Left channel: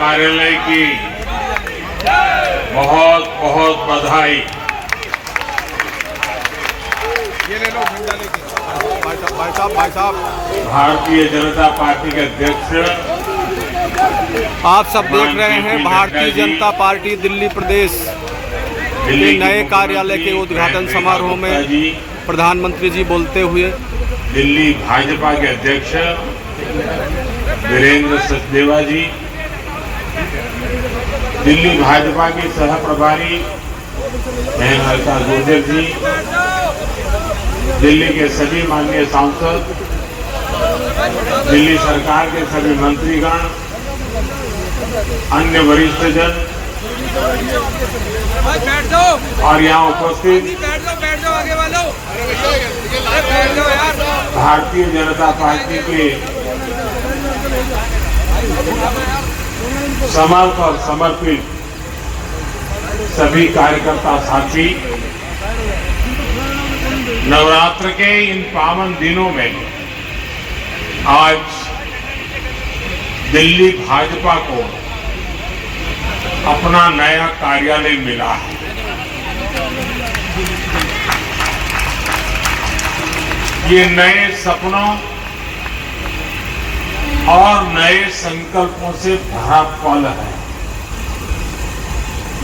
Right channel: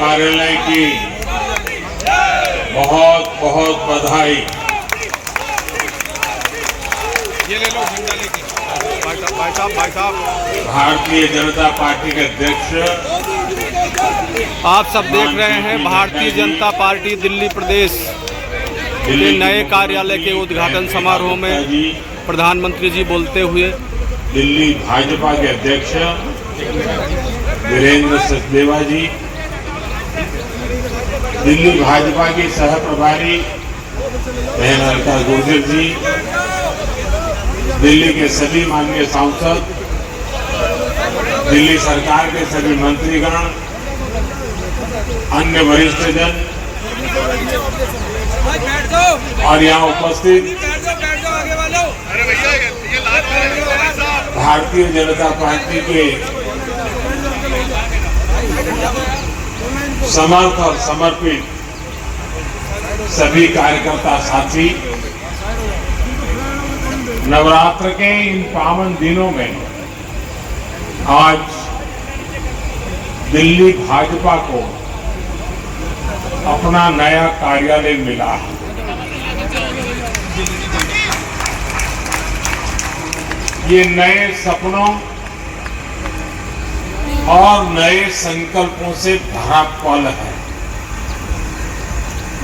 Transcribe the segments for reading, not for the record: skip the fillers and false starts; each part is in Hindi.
कार्यालय की बहुत बहुत बधाई। भाई साहब भारतीय जनता पार्टी के अध्यक्ष, आप सब देख रहे हैं भारतीय जनता पार्टी दिल्ली प्रदेश के नए कार्यालय के उद्घाटन समारोह में प्रधानमंत्री जी बोलते हुए। दिल्ली भाजपा के अध्यक्ष वीरेंद्र सचदेवा जी, दिल्ली भाजपा की सह प्रभारी मेनका गुर्जर जी, दिल्ली के सभी माननीय सांसद, दिल्ली सरकार के सभी मंत्रीगण, अन्य वरिष्ठ जन और यहाँ उपस्थित भारतीय जनता पार्टी के समर्थ और समर्पित सभी कार्यकर्ता साथी, नवरात्र के इन पावन दिनों में आज दिल्ली भाजपा को अपना नया कार्यालय मिला है। ये नए सपनों और नए संकल्पों से भरा पल है।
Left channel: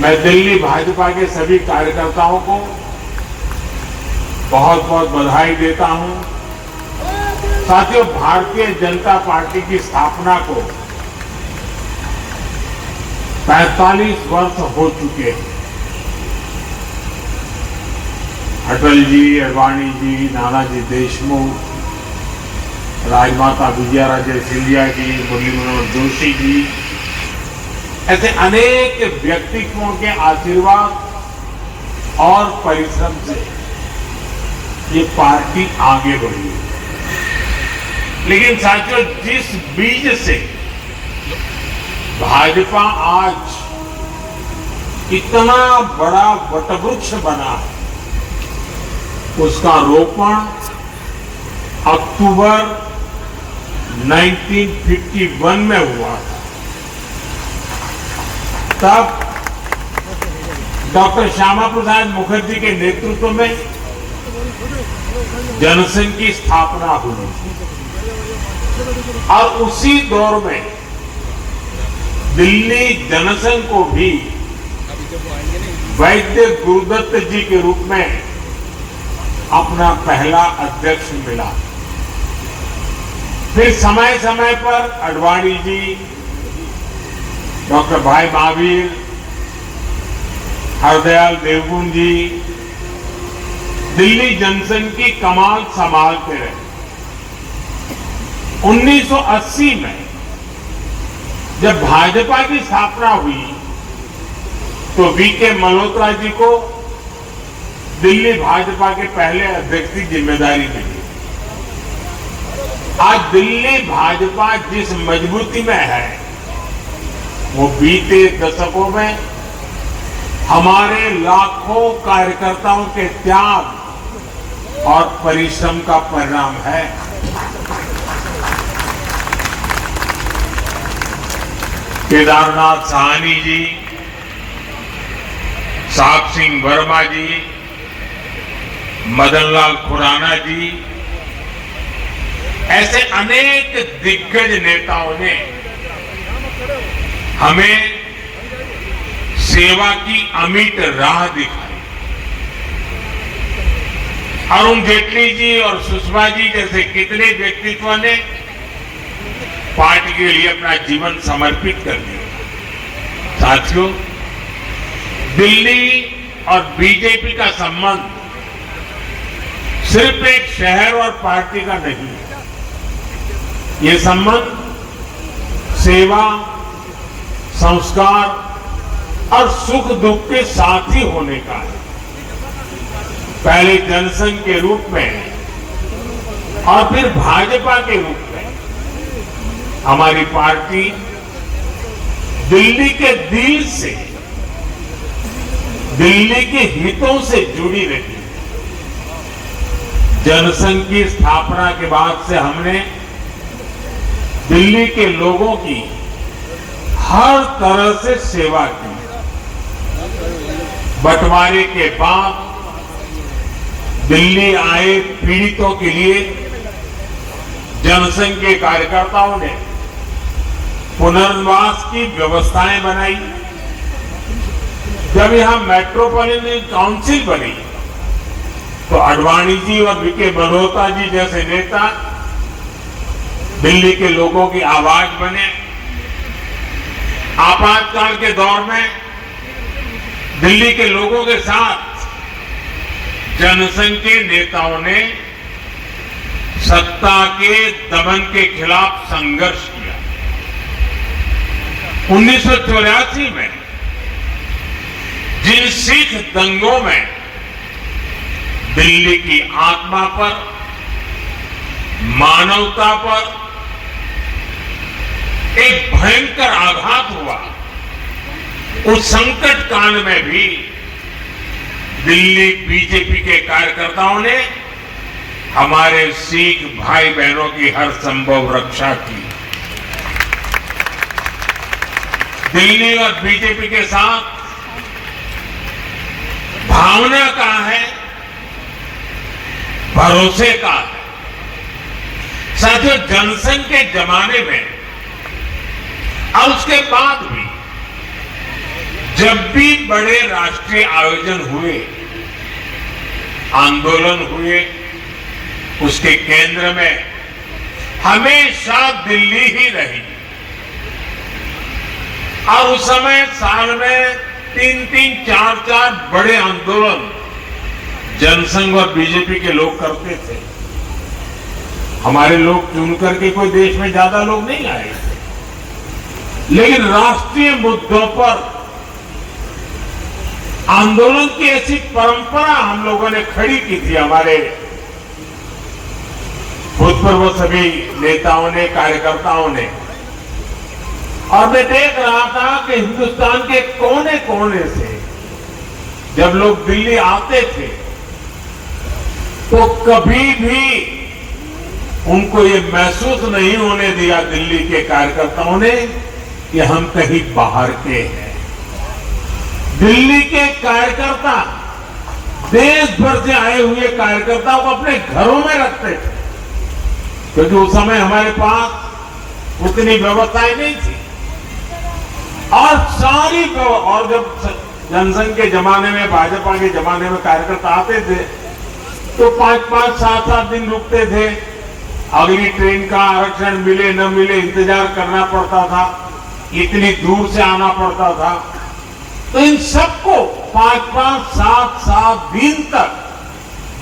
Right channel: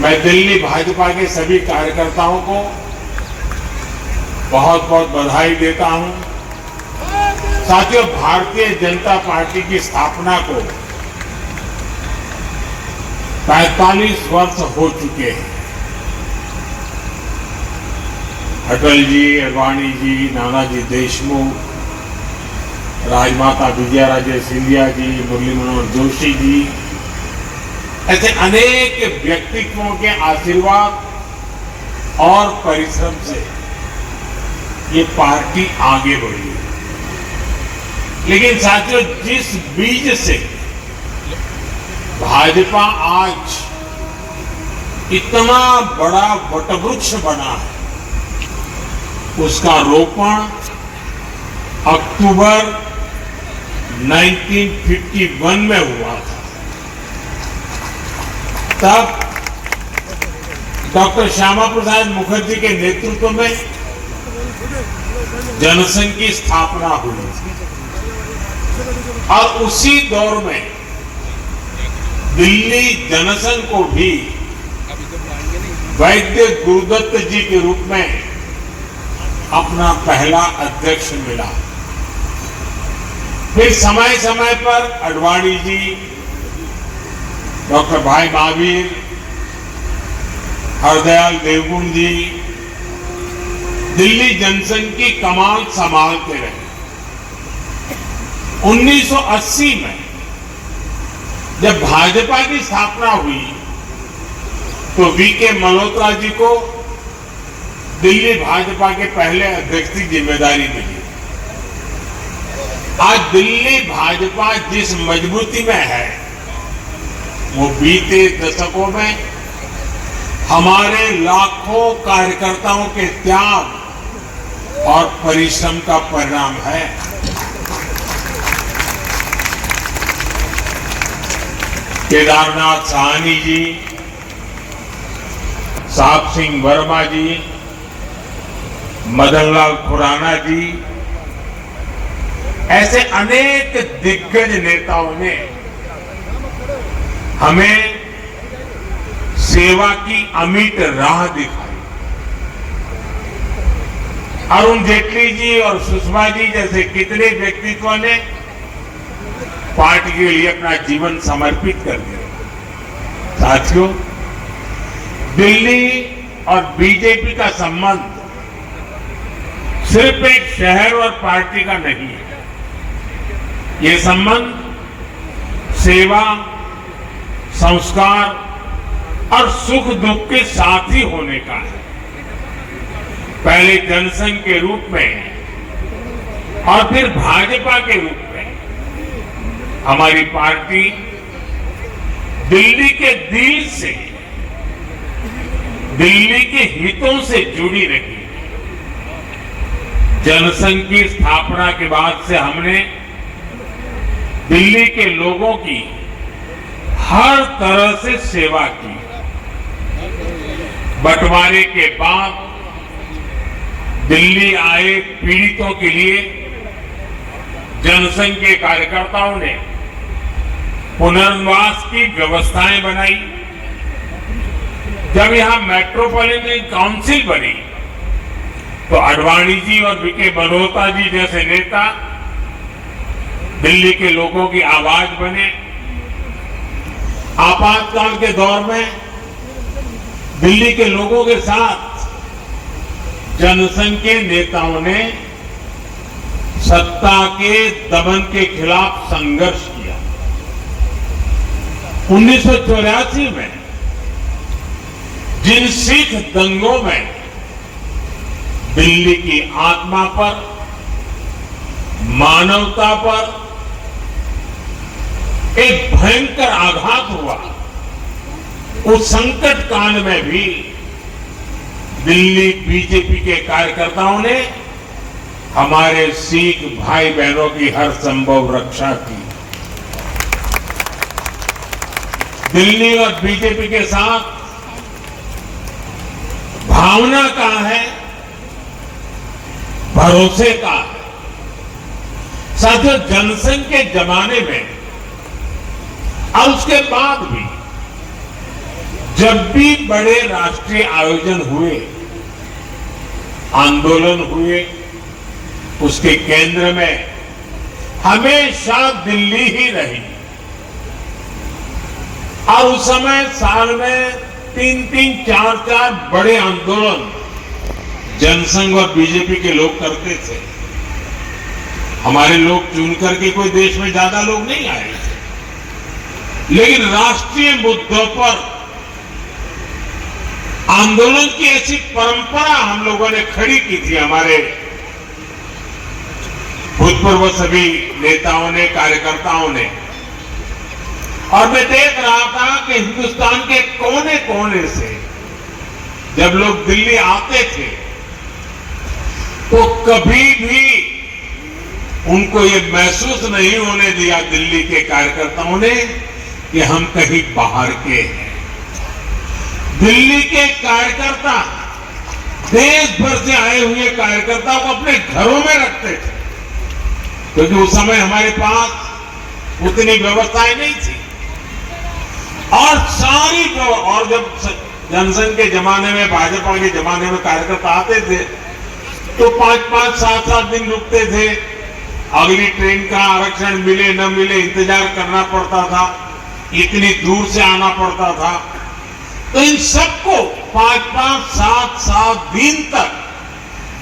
मैं दिल्ली भाजपा के सभी कार्यकर्ताओं को बहुत बहुत बधाई देता हूं। साथियों, भारतीय जनता पार्टी की स्थापना को 45 वर्ष हो चुके हैं। अटल जी, अडवाणी जी, नानाजी देशमुख, राजमाता विजयाराजे सिंधिया जी, मुरली मनोहर जोशी जी, ऐसे अनेक व्यक्तित्वों के आशीर्वाद और परिश्रम से ये पार्टी आगे बढ़ी है। लेकिन साथियों, जिस बीज से भाजपा आज इतना बड़ा वटवृक्ष बना है, उसका रोपण अक्टूबर 1951 में हुआ था। तब डॉक्टर श्यामा प्रसाद मुखर्जी के नेतृत्व में जनसंघ की स्थापना हुई थी और उसी दौर में दिल्ली जनसंघ को भी वैद्य गुरुदत्त जी के रूप में अपना पहला अध्यक्ष मिला। फिर समय समय पर अडवाणी जी, डॉक्टर भाई महावीर, हरदयाल देवगुण जी दिल्ली जनसंघ की कमान संभालते रहे। 1980 में जब भाजपा की स्थापना हुई तो वीके मल्होत्रा जी को दिल्ली भाजपा के पहले अध्यक्ष की जिम्मेदारी मिली। आज दिल्ली भाजपा जिस मजबूती में है, वो बीते दशकों में हमारे लाखों कार्यकर्ताओं के त्याग और परिश्रम का परिणाम है। केदारनाथ साहनी जी, साहब सिंह वर्मा जी, मदनलाल खुराना जी, ऐसे अनेक दिग्गज नेताओं ने हमें सेवा की अमिट राह दिखाई। अरुण जेटली जी और सुषमा जी जैसे कितने व्यक्तित्व ने पार्टी के लिए अपना जीवन समर्पित कर दिया। साथियों, दिल्ली और बीजेपी का संबंध सिर्फ एक शहर और पार्टी का नहीं है। ये संबंध सेवा, संस्कार और सुख दुख के साथी होने का है। पहले जनसंघ के रूप में और फिर भाजपा के रूप में हमारी पार्टी दिल्ली के दिल से, दिल्ली के हितों से जुड़ी रही। जनसंघ की स्थापना के बाद से हमने दिल्ली के लोगों की हर तरह से सेवा की। बंटवारे के बाद दिल्ली आए पीड़ितों के लिए जनसंघ के कार्यकर्ताओं ने पुनर्वास की व्यवस्थाएं बनाई। जब यहां मेट्रोपॉलिटन काउंसिल बनी तो आडवाणी जी और वीके मल्होत्रा जी जैसे नेता दिल्ली के लोगों की आवाज बने। आपातकाल के दौर में दिल्ली के लोगों के साथ जनसंघ के नेताओं ने सत्ता के दमन के खिलाफ संघर्ष किया। 1984 में जिन सिख दंगों में दिल्ली की आत्मा पर, मानवता पर एक भयंकर आघात हुआ, उस संकट काल में भी दिल्ली बीजेपी के कार्यकर्ताओं ने हमारे सिख भाई बहनों की हर संभव रक्षा की। दिल्ली और बीजेपी के साथ भावना का है, भरोसे का है। साथियों, जनसंघ के जमाने में और उसके बाद भी जब भी बड़े राष्ट्रीय आयोजन हुए, आंदोलन हुए, उसके केंद्र में हमेशा दिल्ली ही रही। और उस समय साल में 3-3, 4-4 बड़े आंदोलन जनसंघ और बीजेपी के लोग करते थे। हमारे लोग चुन करके कोई देश में ज्यादा लोग नहीं आए, लेकिन राष्ट्रीय मुद्दों पर आंदोलन की ऐसी परंपरा हम लोगों ने खड़ी की थी। हमारे भूतपूर्व सभी नेताओं ने, कार्यकर्ताओं ने। और मैं देख रहा था कि हिंदुस्तान के कोने कोने से जब लोग दिल्ली आते थे तो कभी भी उनको ये महसूस नहीं होने दिया दिल्ली के कार्यकर्ताओं ने कि हम कहीं बाहर के हैं। दिल्ली के कार्यकर्ता देश भर से आए हुए कार्यकर्ताओं को अपने घरों में रखते थे, क्योंकि उस समय हमारे पास उतनी व्यवस्थाएं नहीं थी। और सारी और जब जनसंघ के जमाने में, भाजपा के जमाने में कार्यकर्ता आते थे तो 5-5, 7-7 दिन रुकते थे। अगली ट्रेन का आरक्षण मिले न मिले इंतजार करना पड़ता था, इतनी दूर से आना पड़ता था। तो इन सबको 5-5, 7-7 दिन तक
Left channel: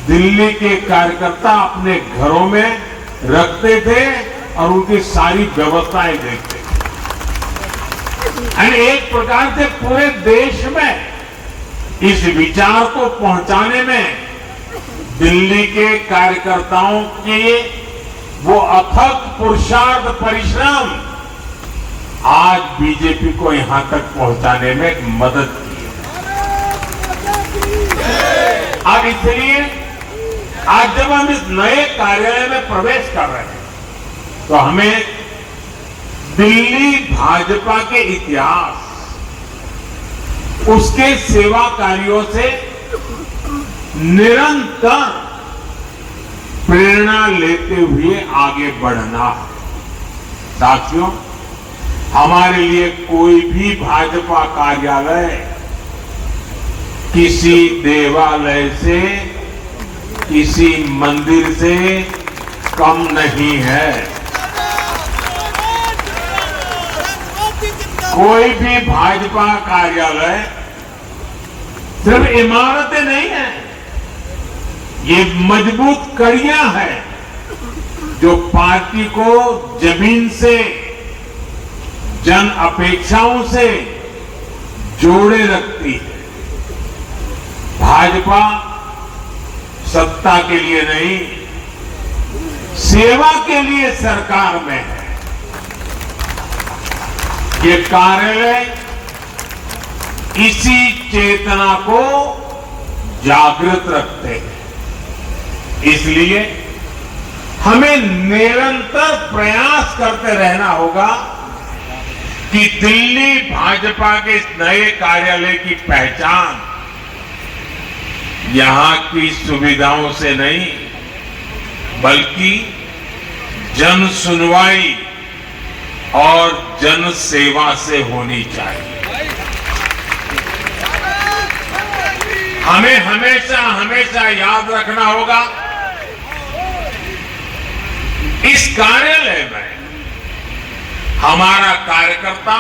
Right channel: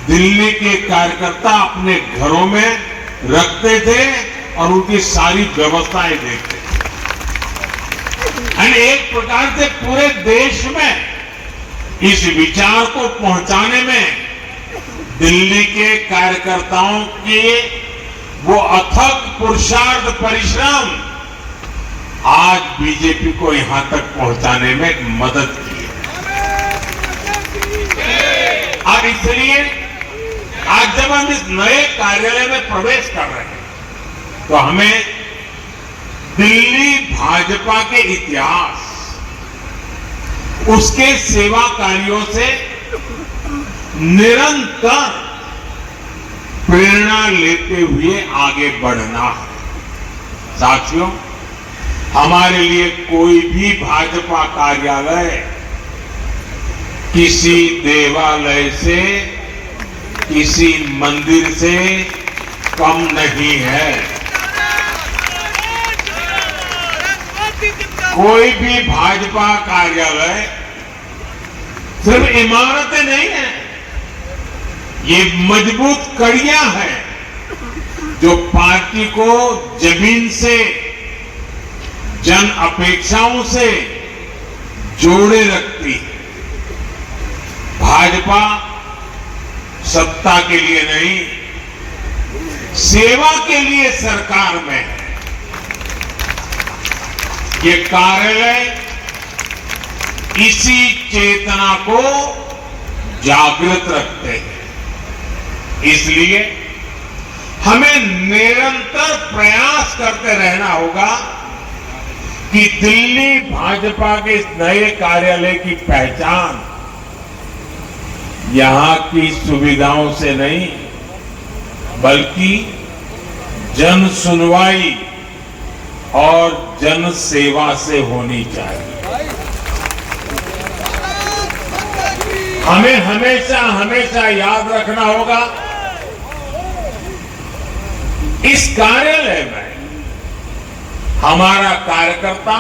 दिल्ली के कार्यकर्ता अपने घरों में रखते थे और उनकी सारी व्यवस्थाएं देखते थे। एक प्रकार से पूरे देश में इस विचार को पहुंचाने में दिल्ली के कार्यकर्ताओं के वो अथक पुरुषार्थ, परिश्रम आज बीजेपी को यहां तक पहुंचाने में मदद की है। अब इसलिए आज जब हम इस नए कार्यालय में प्रवेश कर रहे हैं तो हमें दिल्ली भाजपा के इतिहास, उसके सेवा कार्यों से निरंतर प्रेरणा लेते हुए आगे बढ़ना है। साथियों, हमारे लिए कोई भी भाजपा कार्यालय किसी देवालय से, किसी मंदिर से कम नहीं है। कोई भी भाजपा कार्यालय सिर्फ इमारतें नहीं है, ये मजबूत कड़ियां हैं जो पार्टी को जमीन से, जन अपेक्षाओं से जोड़े रखती है। भाजपा सत्ता के लिए नहीं, सेवा के लिए सरकार में है। ये कार्यालय इसी चेतना को जागृत रखते हैं। इसलिए हमें निरंतर प्रयास करते रहना होगा कि दिल्ली भाजपा के इस नए कार्यालय की पहचान यहां की सुविधाओं से नहीं बल्कि जन सुनवाई और जन सेवा से होनी चाहिए। हमें हमेशा हमेशा याद रखना होगा, इस कार्यालय में हमारा कार्यकर्ता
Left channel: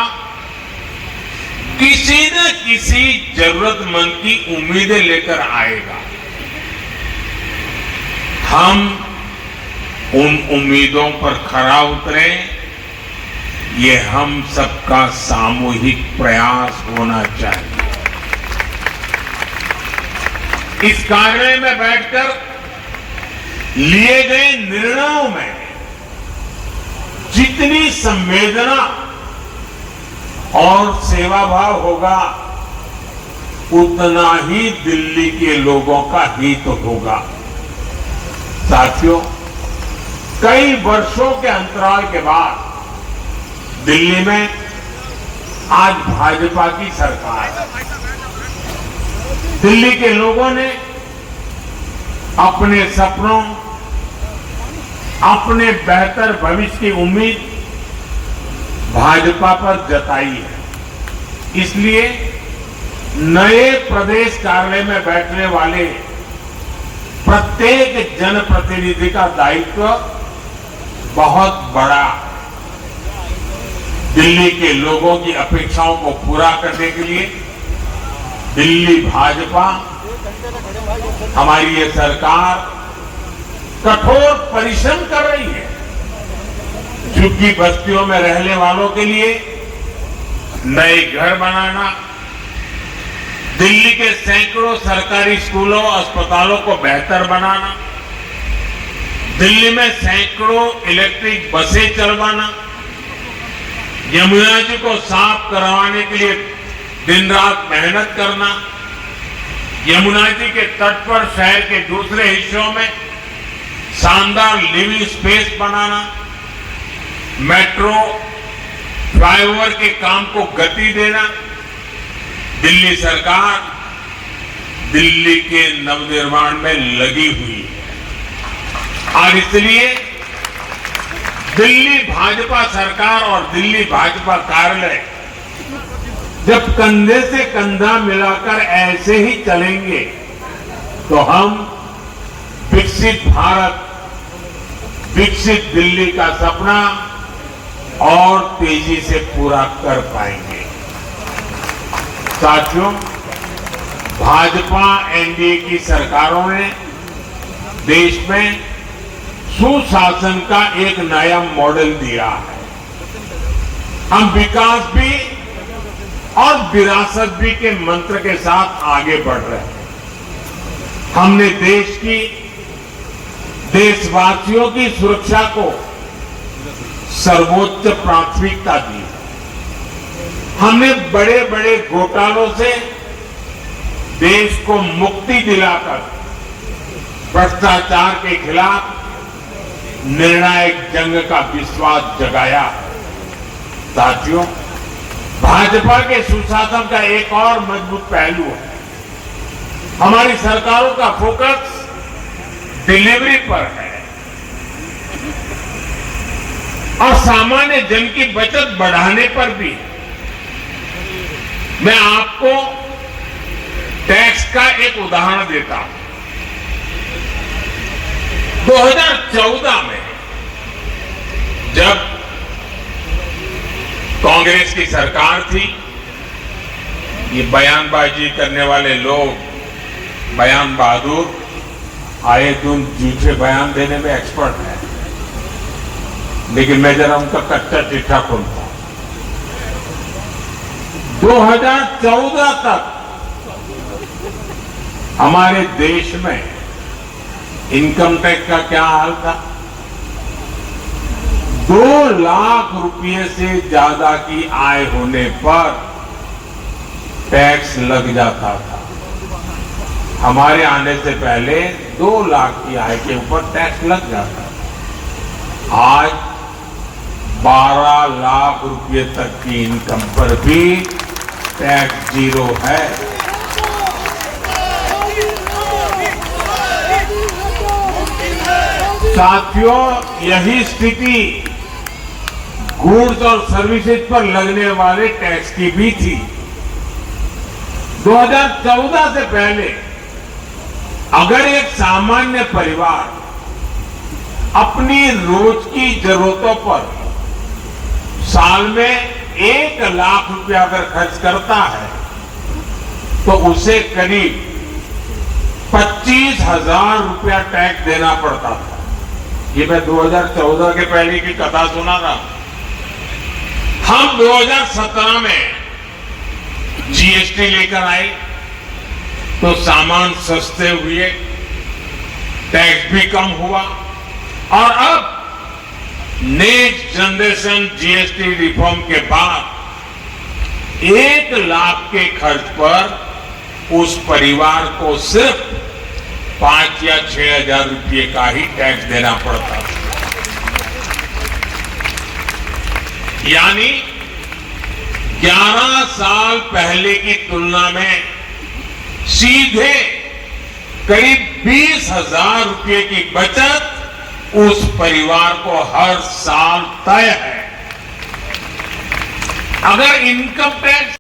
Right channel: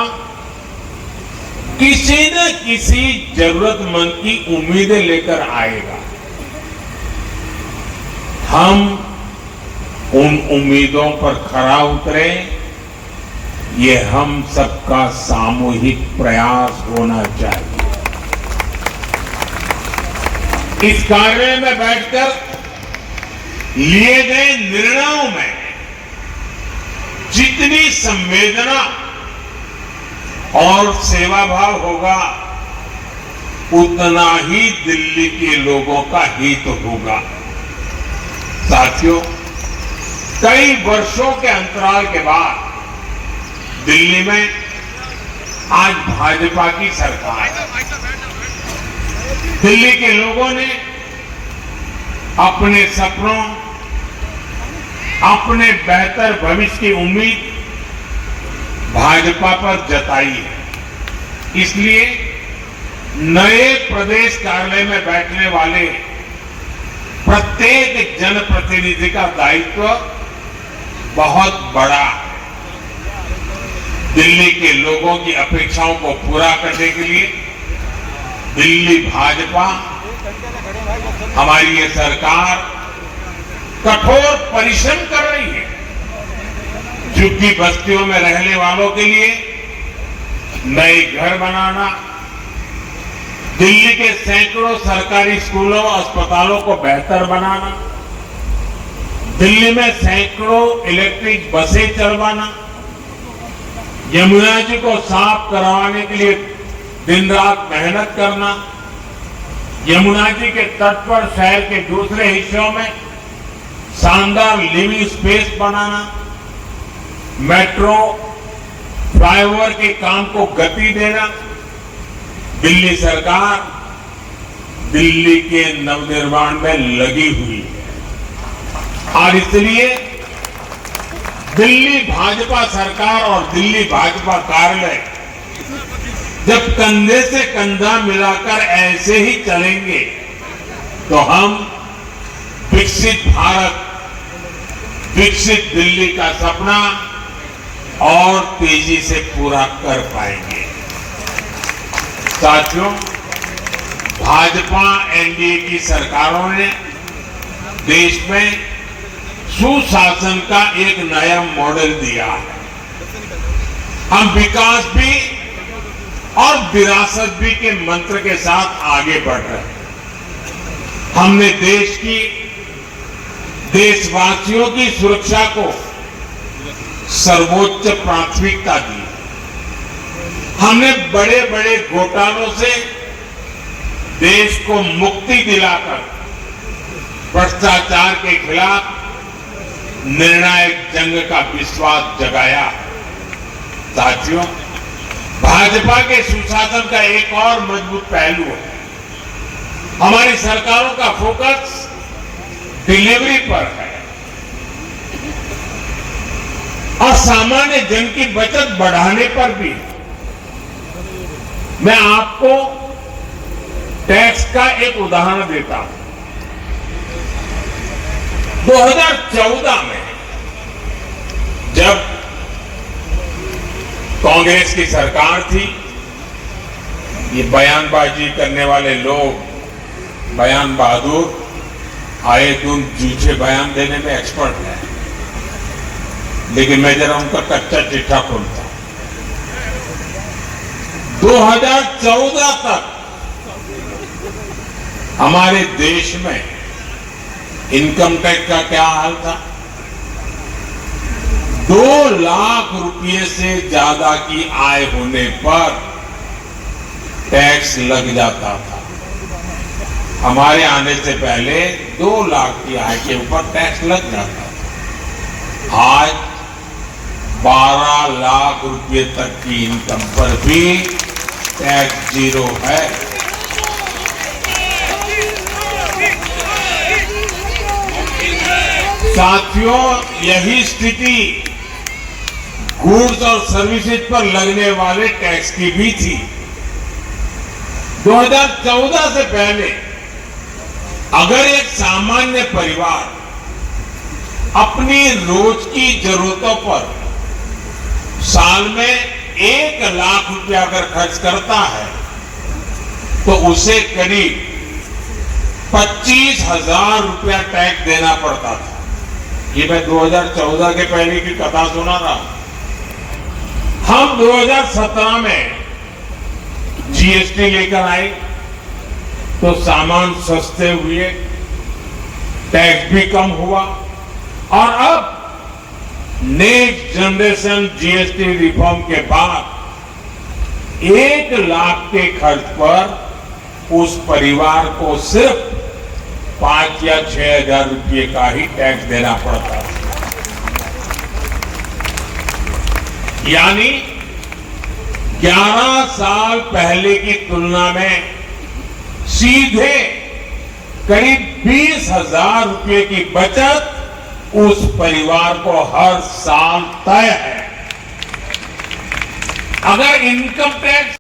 किसी न किसी जरूरतमंद की उम्मीदें लेकर आएगा। हम उन उम्मीदों पर खरा उतरें, ये हम सबका सामूहिक प्रयास होना चाहिए। इस कार्यालय में बैठकर लिए गए निर्णयों में जितनी संवेदना और सेवा भाव होगा उतना ही दिल्ली के लोगों का हित होगा। साथियों, कई वर्षों के अंतराल के बाद दिल्ली में आज भाजपा की सरकार है। दिल्ली के लोगों ने अपने सपनों, अपने बेहतर भविष्य की उम्मीद भाजपा पर जताई है। इसलिए नए प्रदेश कार्यालय में बैठने वाले प्रत्येक जनप्रतिनिधि का दायित्व बहुत बड़ा है। दिल्ली के लोगों की अपेक्षाओं को पूरा करने के लिए दिल्ली भाजपा, हमारी ये सरकार कठोर परिश्रम कर रही है। झुग्गी बस्तियों में रहने वालों के लिए नए घर बनाना, दिल्ली के सैकड़ों सरकारी स्कूलों और अस्पतालों को बेहतर बनाना, दिल्ली में सैकड़ों इलेक्ट्रिक बसें चलवाना, यमुना जी को साफ करवाने के लिए दिन रात मेहनत करना, यमुना जी के तट पर शहर के दूसरे हिस्सों में शानदार लिविंग स्पेस बनाना, मेट्रो फ्लाईओवर के काम को गति देना। दिल्ली सरकार दिल्ली के नवनिर्माण में लगी हुई है और इसलिए दिल्ली भाजपा सरकार और दिल्ली भाजपा कार्यालय जब कंधे से कंधा मिलाकर ऐसे ही चलेंगे तो हम विकसित भारत, विकसित दिल्ली का सपना और तेजी से पूरा कर पाएंगे। साथियों, भाजपा एनडीए की सरकारों ने देश में सुशासन का एक नया मॉडल दिया है। हम विकास भी और विरासत भी के मंत्र के साथ आगे बढ़ रहे हैं। हमने देशवासियों की सुरक्षा को सर्वोच्च प्राथमिकता दी। हमने बड़े बड़े घोटालों से देश को मुक्ति दिलाकर भ्रष्टाचार के खिलाफ निर्णायक जंग का विश्वास जगाया। साथियों, भाजपा के सुशासन का एक और मजबूत पहलू है, हमारी सरकारों का फोकस डिलीवरी पर है और सामान्य जन की बचत बढ़ाने पर भी। मैं आपको टैक्स का एक उदाहरण देता हूं। 2014 में जब कांग्रेस की सरकार थी, ये बयानबाजी करने वाले लोग, बयान बहादुर, आए तुम झूठे बयान देने में एक्सपर्ट है, लेकिन मैं जरा उनका कच्चा चिट्ठा खोलता हूं। 2014 तक हमारे देश में इनकम टैक्स का क्या हाल था? 2 लाख रुपए से ज्यादा की आय होने पर टैक्स लग जाता था। हमारे आने से पहले 2 लाख की आय के ऊपर टैक्स लग जाता था। आज 12 लाख रुपए तक की इनकम पर भी टैक्स जीरो है। साथियों, यही स्थिति गुड्स और सर्विसेज पर लगने वाले टैक्स की भी थी। 2014 से पहले अगर एक सामान्य परिवार अपनी रोज की जरूरतों पर साल में 1 लाख रुपया अगर खर्च करता है तो उसे करीब 25,000 रुपया टैक्स देना पड़ता था। ये मैं 2014 के पहले की कथा सुना रहा। हम 2017 में जीएसटी लेकर आए तो सामान सस्ते हुए, टैक्स भी कम हुआ और अब नेक्स्ट जनरेशन जीएसटी रिफॉर्म के बाद 1 लाख के खर्च पर उस परिवार को सिर्फ 5 या 6 हजार रुपये का ही टैक्स देना पड़ता है। यानी 11 साल पहले की तुलना में सीधे करीब 20,000 रुपये की बचत उस परिवार को हर साल तय है। अगर इनकम टैक्स